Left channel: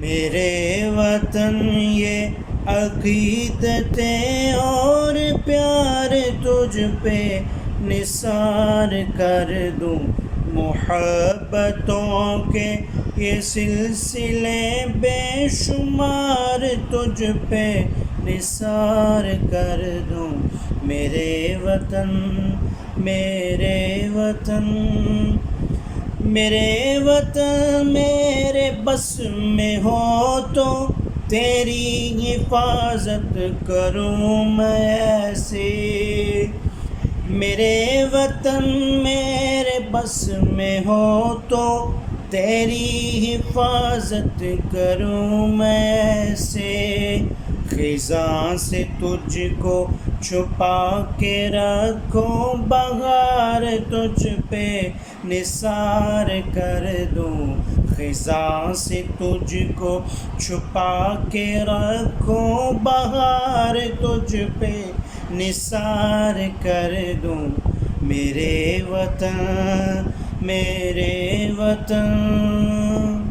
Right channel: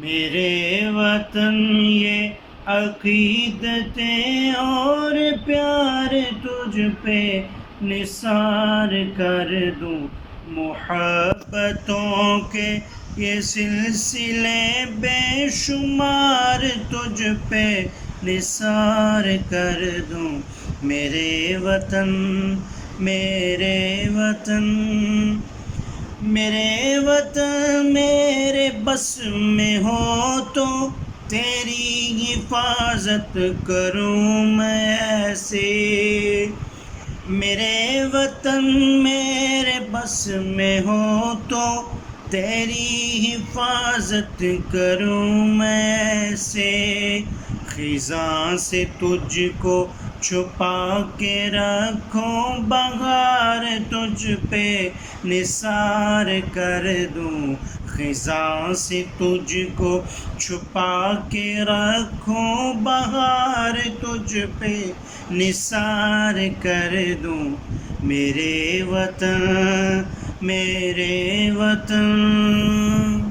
میرے وطن یہ عقیدتیں اور پیار تجھ پہ نثار کر دوں، محبتوں کے یہ سلسلے بے شمار تجھ پہ نثار کر دوں۔ میرے وطن میرے وطن میرے وطن میرے بس میں ہو تو تیری حفاظت کروں میں ایسے۔ میرے وطن میرے بس میں ہو تو تیری حفاظت کروں میں ایسے۔ خزاں سے تجھ کو چھپا کے رکھوں، بہار تجھ پہ نثار کر دوں۔ خزاں سے تجھ کو چھپا کے رکھوں، بہار تجھ پہ نثار کر دوں۔ میرے وطن میرے وطن